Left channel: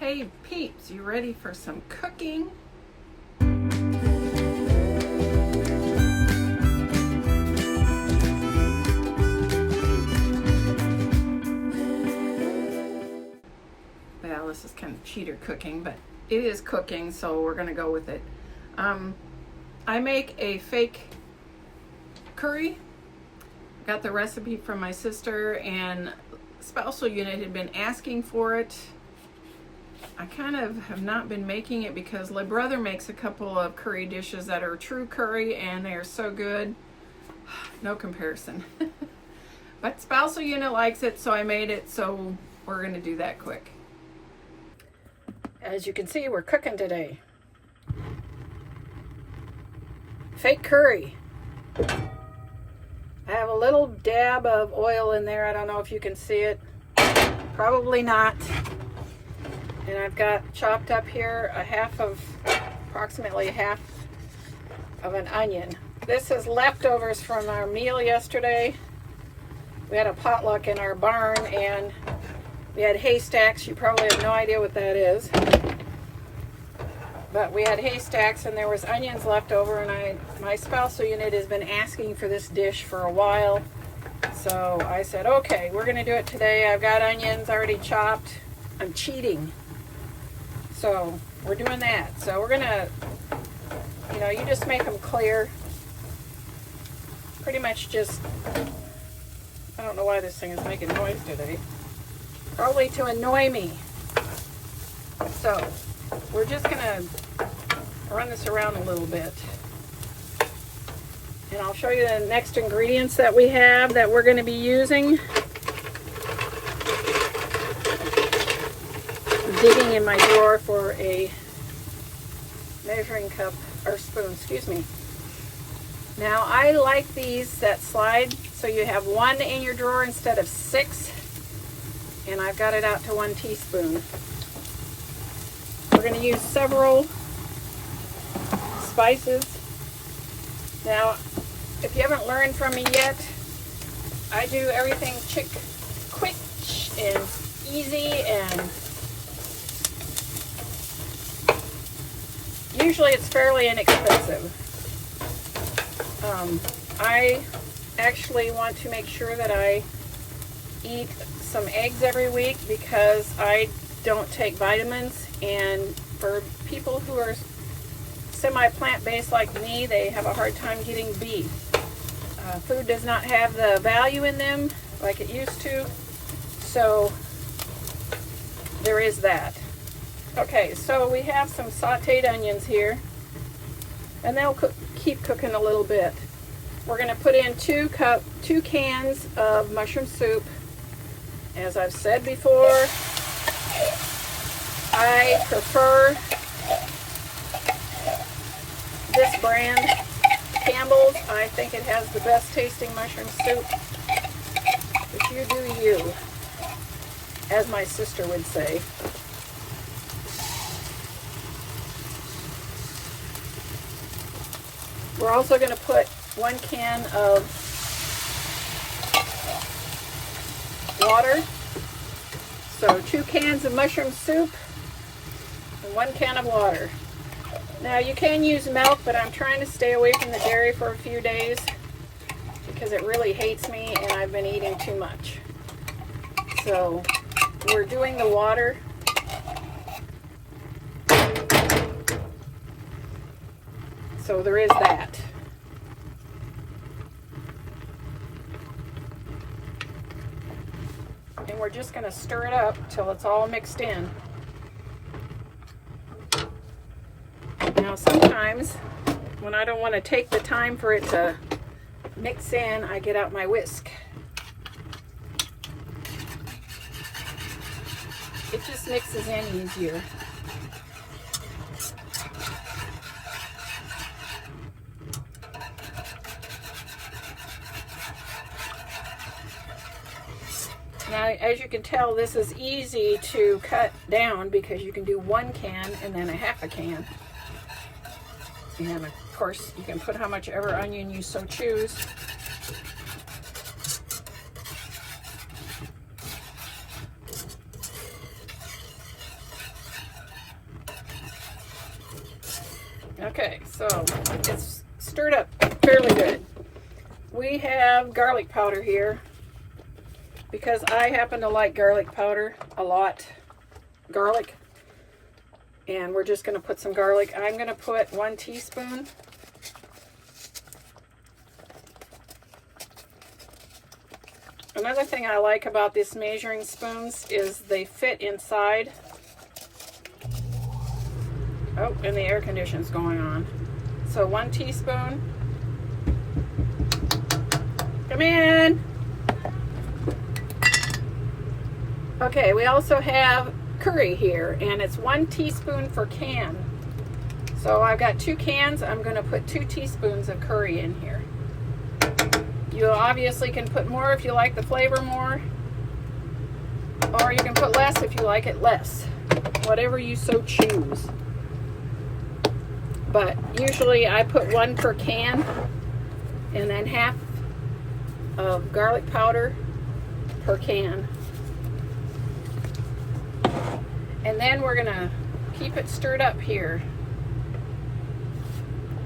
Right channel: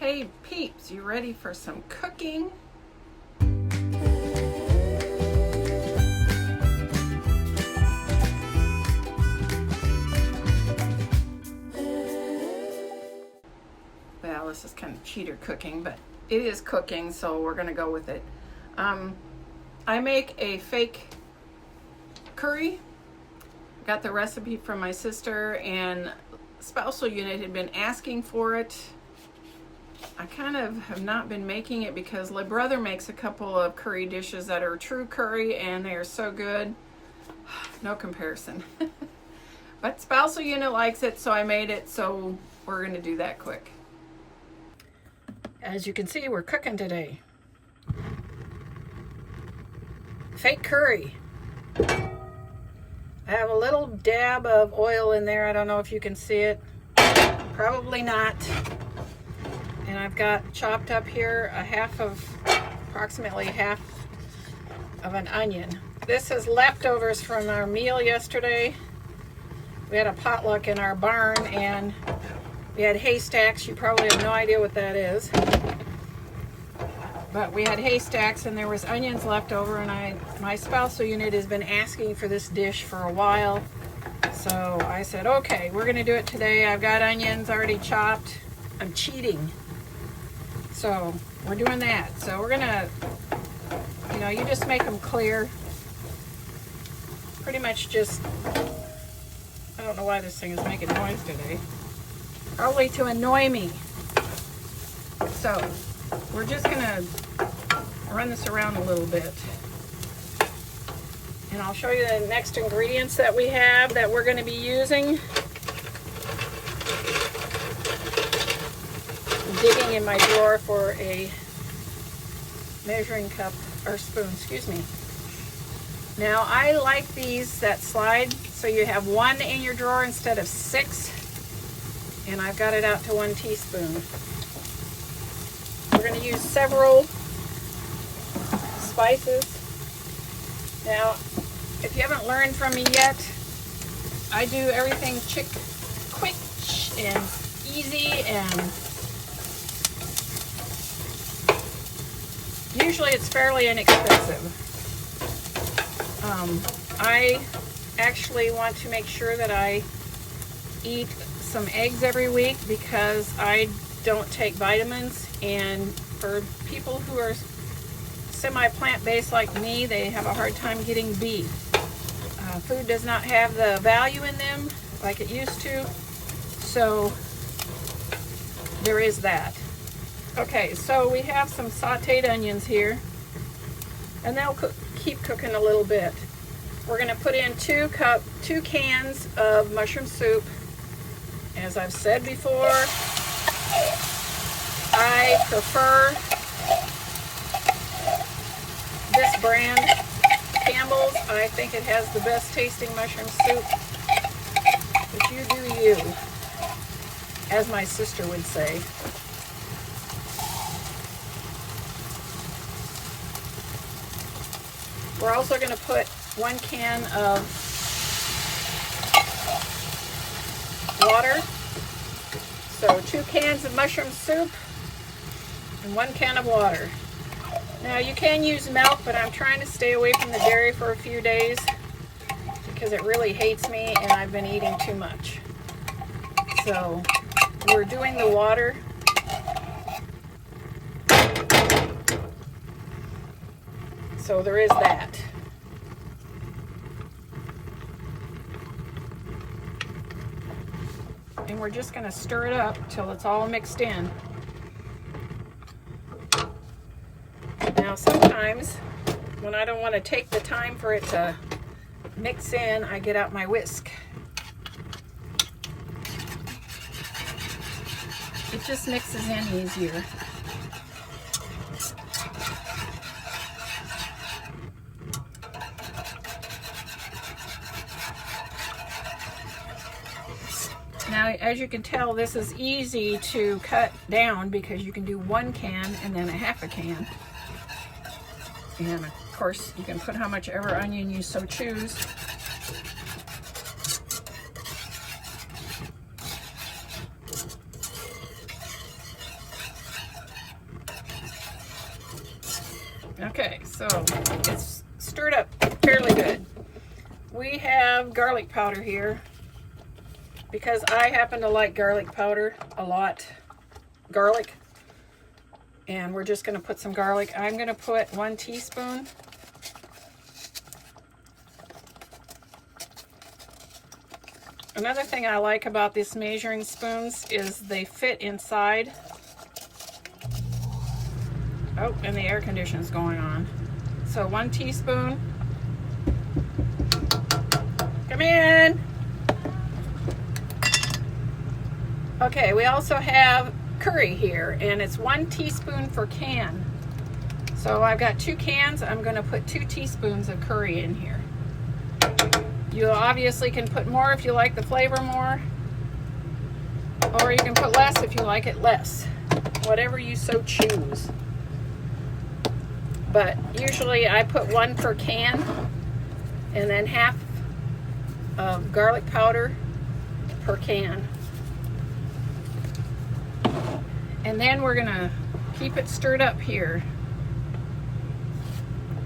Hey peeps, you ready for some cooking? Well, this is kind of cheater cooking, but it is cooking, so we're gonna go with it. I make a fake curry. Got the recipe from my sister, and spousal unit had been asking for it. I kind of have not been making it because my brother makes a couple of curry dishes that are true curry, and they are so good. No comparison. But spousal unit likes it, so I made it, so we're gonna do that quick. As you can see, we're cooking today. Fake curry. I have a little dab of oil in there. I don't know if you can see it. Probably not. And I've got chopped up here approximately half of an onion. This is leftovers from our meal yesterday. We had a potluck in our barn and we had haystacks. You probably have no idea what that is. But we had haystacks and there was onions left over, and my spousal unit has been asking for this dish for a while. So I said, okay, we're gonna do it today. I've got onions already chopped. I'm cheating. So we're doing that. So we're gonna, you just make them clear. Pretty much just, I don't know why this thing is making noise today. Probably to annoy me. So we're just gonna run this around a little bit. And I'll show you the next ingredients that we have that we're gonna be using. Digging in my drawer for a measuring cup or spoon, excuse me. Now I like these that slide so you have one in your drawer instead of 6, and I've got it out to 1 teaspoon. We're going to use several spices. Now if you haven't learned from me yet, I do everything quick and easy, and usually it's fairly inexpensive. I actually want to make sure that I eat some eggs every week because I don't take vitamins, and for people who are semi-plant-based like me, they have a hard time getting B. Food does not have the value in them like it used to, so there is that. Okay, so we have some sauteed onions here, and they'll keep cooking a little bit. We're going to put in 2 cans of mushroom soup. As I've said before, I prefer this brand, Campbell's. I think it has the best tasting mushroom soup. But you do you, as my sister would say. We're also going to put 1 can of water. So 2 cans of mushroom soup and 1 can of water. Now you can use milk, but I'm trying to stay away from the dairy for a few days because it really hates me and I've been eating too much. So we're doing the water. So there is that. And we're just going to stir it up till it's all mixed in. Now sometimes when I don't want to take the time for it to mix in, I get out my whisk. It just mixes in easier. Now, as you can tell, this is easy to cut down because you can do 1 can and then a half a can. And of course, you can put how much ever onion you so choose. Okay, so it's stirred up fairly good. We have garlic powder here because I happen to like garlic powder a lot. Garlic. And we're just going to put some garlic. I'm going to put 1 teaspoon. Another thing I like about these measuring spoons is they fit inside. Oh, and the air conditioning's going on. So 1 teaspoon. Come in. Okay, we also have curry here, and it's 1 teaspoon per can. So I've got 2 cans. I'm going to put 2 teaspoons of curry in here. You obviously can put more if you like the flavor more, or you can put less if you like it less. Whatever you so choose. But usually I put 1 per can, and then half of garlic powder per can. And then we're gonna keep it stirred up here.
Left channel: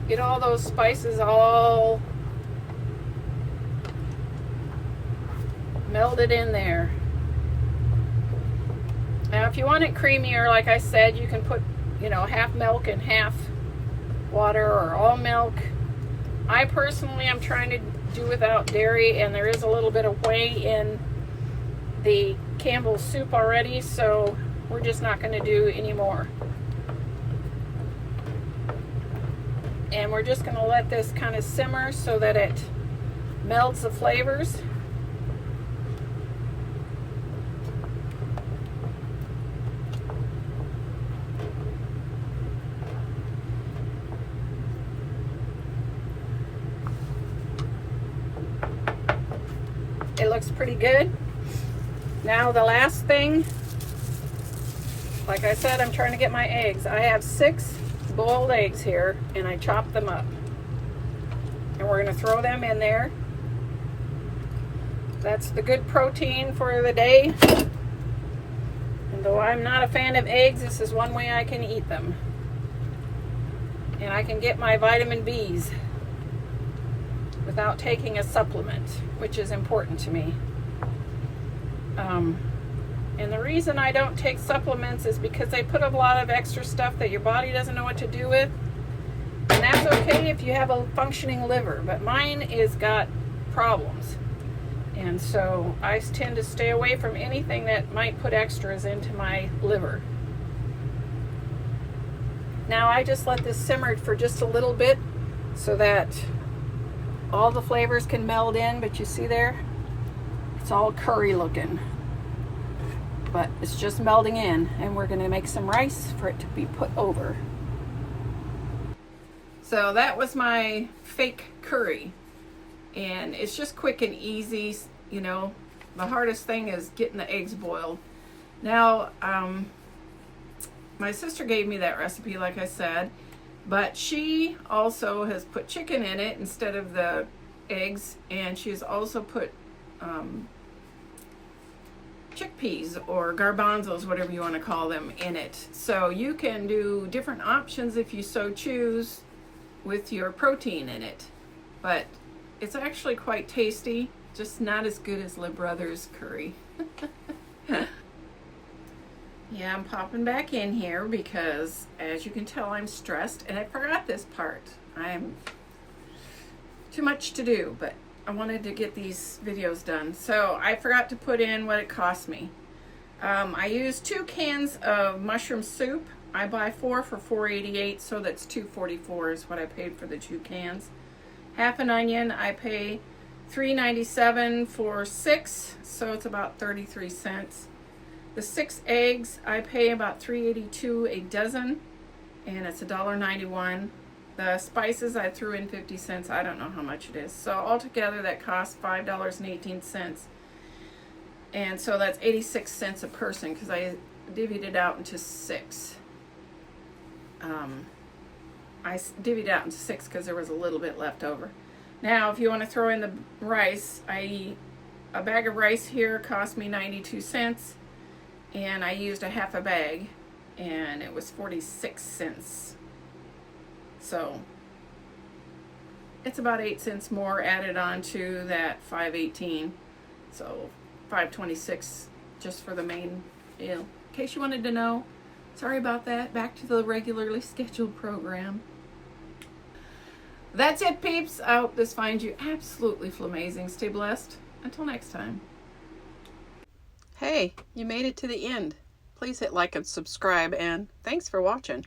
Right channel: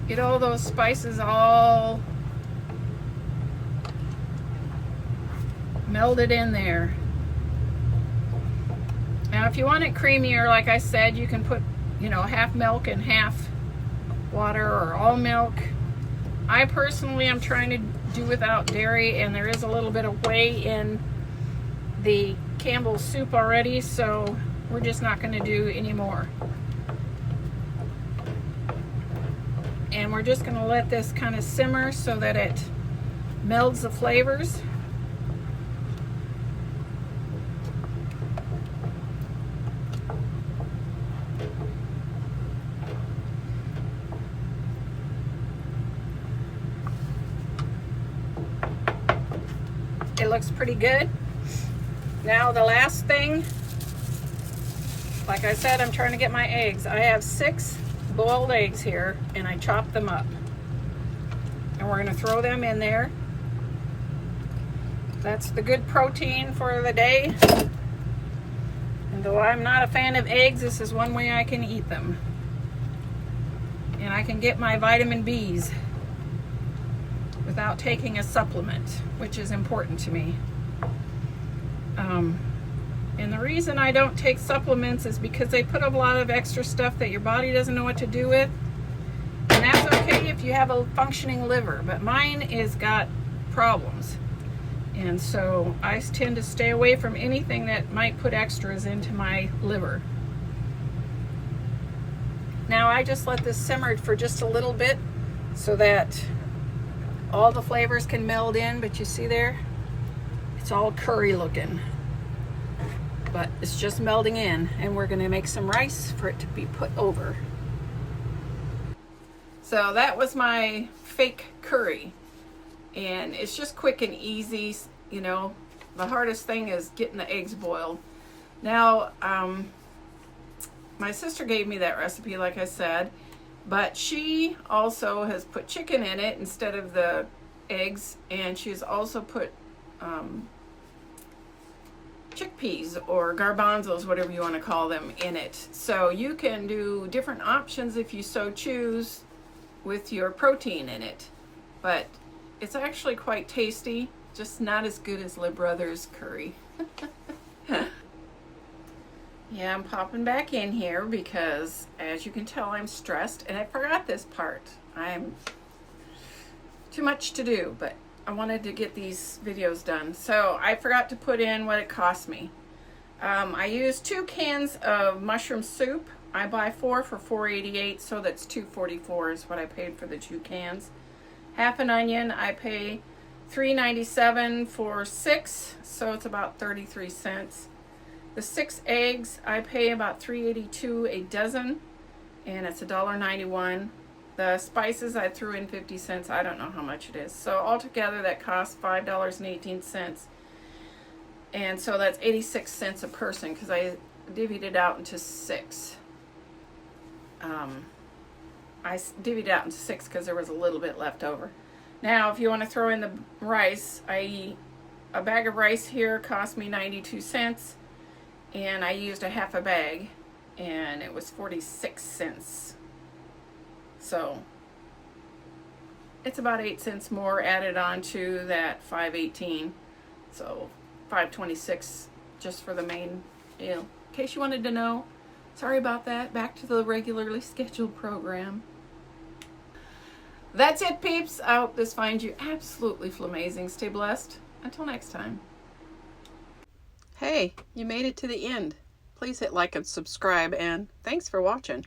Get all those spices all melded in there. Now if you want it creamier, like I said, you can put, you know, half milk and half water, or all milk. I personally am trying to do without dairy, and there is a little bit of whey in the Campbell's soup already, so we're just not going to do any more. And we're just going to let this kind of simmer so that it melds the flavors. It looks pretty good. Now the last thing, like I said, I'm trying to get my eggs. I have 6 boiled eggs here, and I chopped them up. And we're going to throw them in there. That's the good protein for the day. And though I'm not a fan of eggs, this is one way I can eat them. And I can get my vitamin B's without taking a supplement, which is important to me. And the reason I don't take supplements is because they put a lot of extra stuff that your body doesn't know what to do with. And that's okay if you have a functioning liver, but mine is got problems. And so I tend to stay away from anything that might put extras into my liver. Now I just let this simmer for just a little bit so that all the flavors can meld in, but you see there? It's all curry looking. But it's just melding in, and we're gonna make some rice for it to be put over. So that was my fake curry. And it's just quick and easy, you know. The hardest thing is getting the eggs boiled. Now, my sister gave me that recipe, like I said, but she also has put chicken in it instead of the eggs, and she's also put chickpeas or garbanzos, whatever you want to call them, in it. So you can do different options if you so choose with your protein in it. But it's actually quite tasty, just not as good as Lib Brothers curry. Yeah, I'm popping back in here because, as you can tell, I'm stressed, and I forgot this part. I'm too much to do, but I wanted to get these videos done. So I forgot to put in what it cost me. I used 2 cans of mushroom soup. I buy 4 for $4.88, so that's $2.44 is what I paid for the 2 cans. Half an onion, I pay $3.97 for 6, so it's about 33 cents. The 6 eggs, I pay about $3.82 a dozen, and it's $1.91. The spices, I threw in 50 cents. I don't know how much it is. So altogether, that costs $5.18. And so that's 86 cents a person because I divvied it out into 6. I divvied it out into 6 because there was a little bit left over. Now, if you want to throw in the rice, a bag of rice here cost me 92 cents. And I used a half a bag, and it was 46 cents. So it's about 8 cents more added on to that $5.18. So $5.26 just for the main deal. In case you wanted to know. Sorry about that. Back to the regularly scheduled program. That's it, peeps. I hope this finds you absolutely flamazing. Stay blessed. Until next time. Hey, you made it to the end. Please hit like and subscribe, and thanks for watching.